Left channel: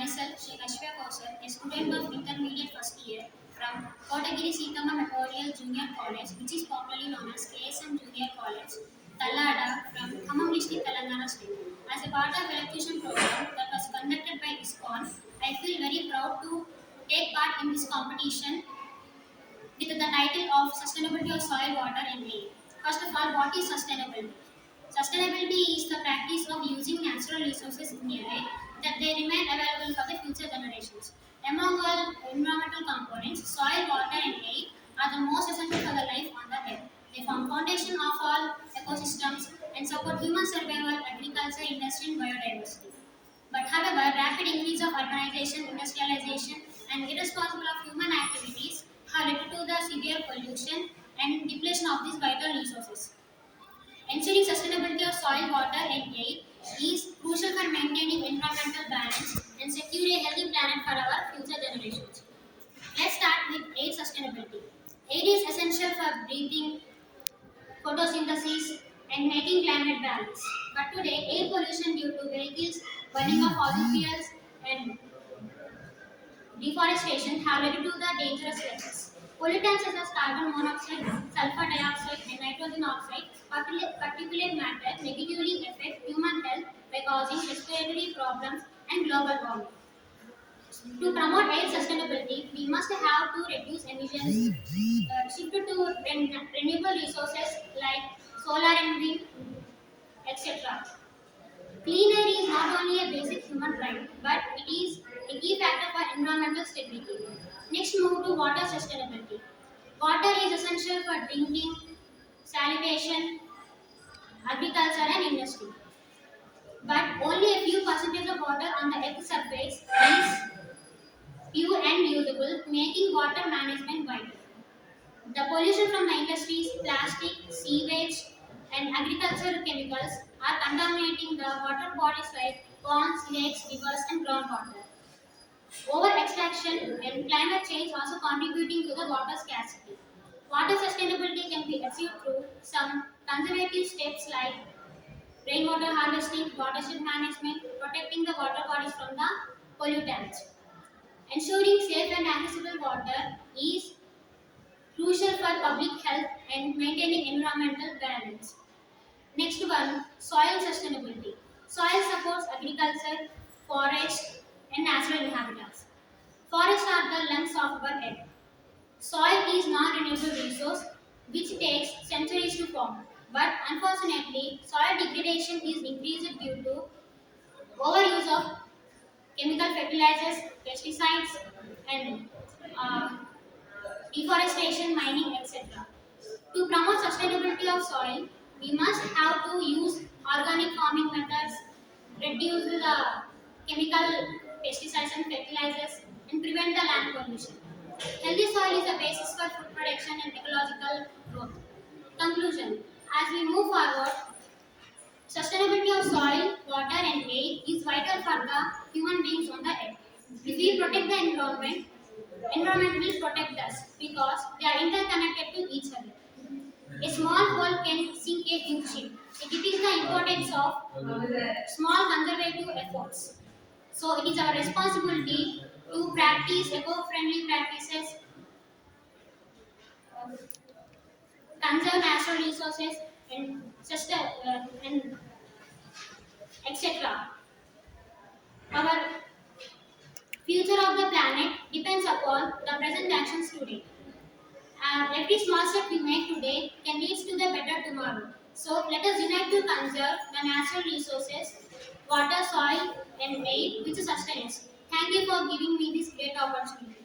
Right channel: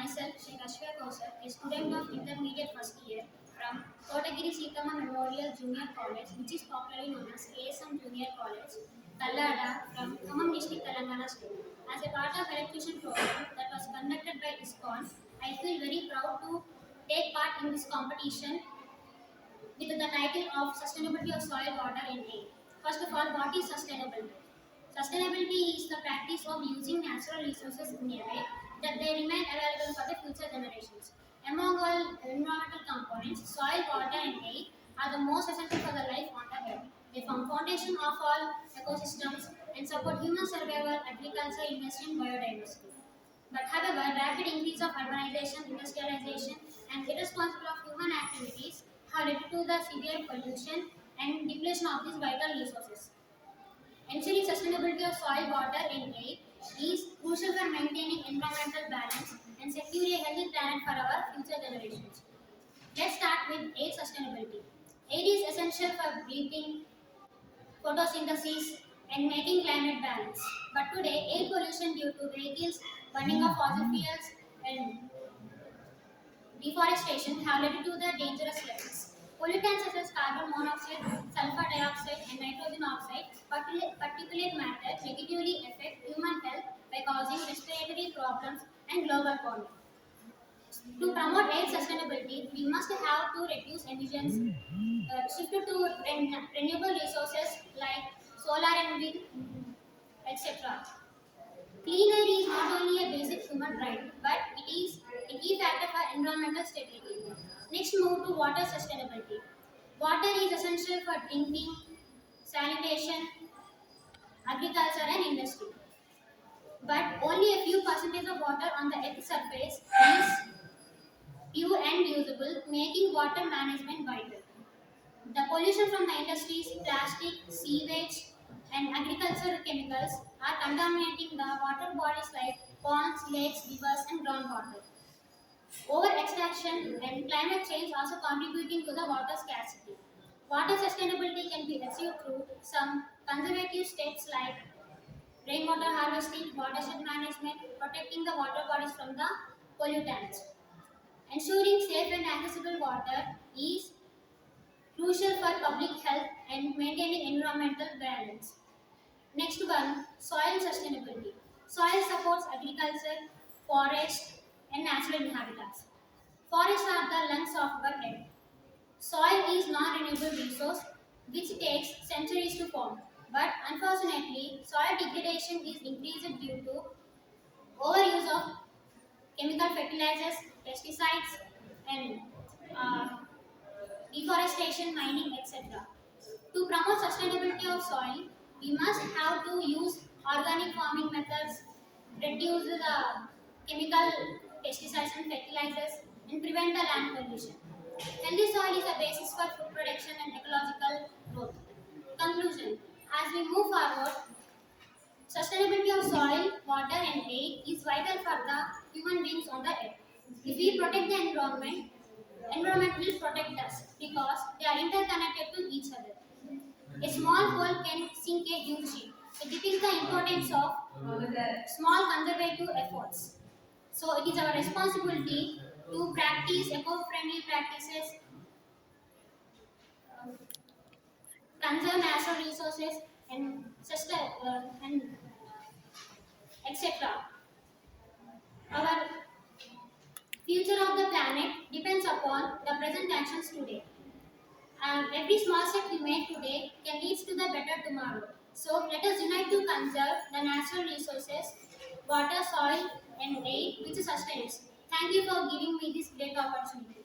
Myself, Sri Kashmir Kausar, a student of intermediate first year from Kotagiri Sitama Memorial Junior College, which is popularly known as KSM Junior College, Tallada, from Khammam district, Telangana state. As a part of electrician program that was conducted by ISKCON, I feel very proud to take part in this competition with the title of Sustainability of Soil, Water and Air. First of all, what is sustainability? Sustainability is the practice of using natural resources in a way that they remain available for the future generations. Among all environmental components, soil, water and air are the most essential for the life on the earth. They form foundation of all ecosystems and support human survival, agriculture, industry and biodiversity. But however, rapid increase of urbanization, industrialization, and irresponsible of human activities have led to the severe pollution and depletion of these vital resources. Ensuring sustainability of soil, water, and air is crucial for maintaining environmental balance and secure a healthy planet for our future generations. Let's start with air sustainability. Air is essential for breathing, photosynthesis, and making climate balance. But today, air pollution due to vehicles burning of fossil fuels and deforestation have led to the dangerous gases. Pollutants such as carbon monoxide, sulfur dioxide, and nitrogen oxide, particulate matter, negatively affect human health by causing respiratory problems and global warming. To promote air sustainability, we must have to reduce emissions, shift to renewable resources like solar and wind, etc. Clean air is not only a basic human right, but it is a key factor for environmental stability. Next, move to water sustainability. Water is essential for drinking, sanitation, agriculture, and industry. But only a few percentage of water on the earth's surface is pure and usable, making water management vital. The pollution from the industries, plastic, sewage, and agricultural chemicals are contaminating the water bodies like ponds, lakes, rivers, and groundwater. Over extraction and climate change also contributing to the water scarcity. Water sustainability can be achieved through some conservative steps like rainwater harvesting, watershed management, protecting the water bodies from the pollutants. Ensuring safe and accessible water is crucial for public health and maintaining environmental balance. Next one, soil sustainability. Soil supports agriculture, forest, and natural habitats. Forests are the lungs of our earth. Soil is non-renewable resource which takes centuries to form. But unfortunately, soil degradation is increased due to overuse of chemical fertilizers, pesticides, and uh, deforestation, mining, etc. To promote sustainability of soil, we must have to use organic farming methods, reduce the chemical pesticides and fertilizers, and prevent the land pollution. Healthy soil is the basis for food production and ecological growth. Conclusion. As we move forward, sustainability of soil, water and air is vital for the human beings on the earth. If we protect the environment will protect us because they are interconnected to each other. A small hole can sink a huge ship. It is the importance of small conservative efforts. So it is our responsibility to practice eco-friendly practices, conserve natural resources, and and etc. Our future of the planet depends upon the present actions today. Every small step we make today can lead to the better tomorrow. So let us unite to conserve the natural resources, water, soil, and air which sustains. Thank you for giving me this great opportunity.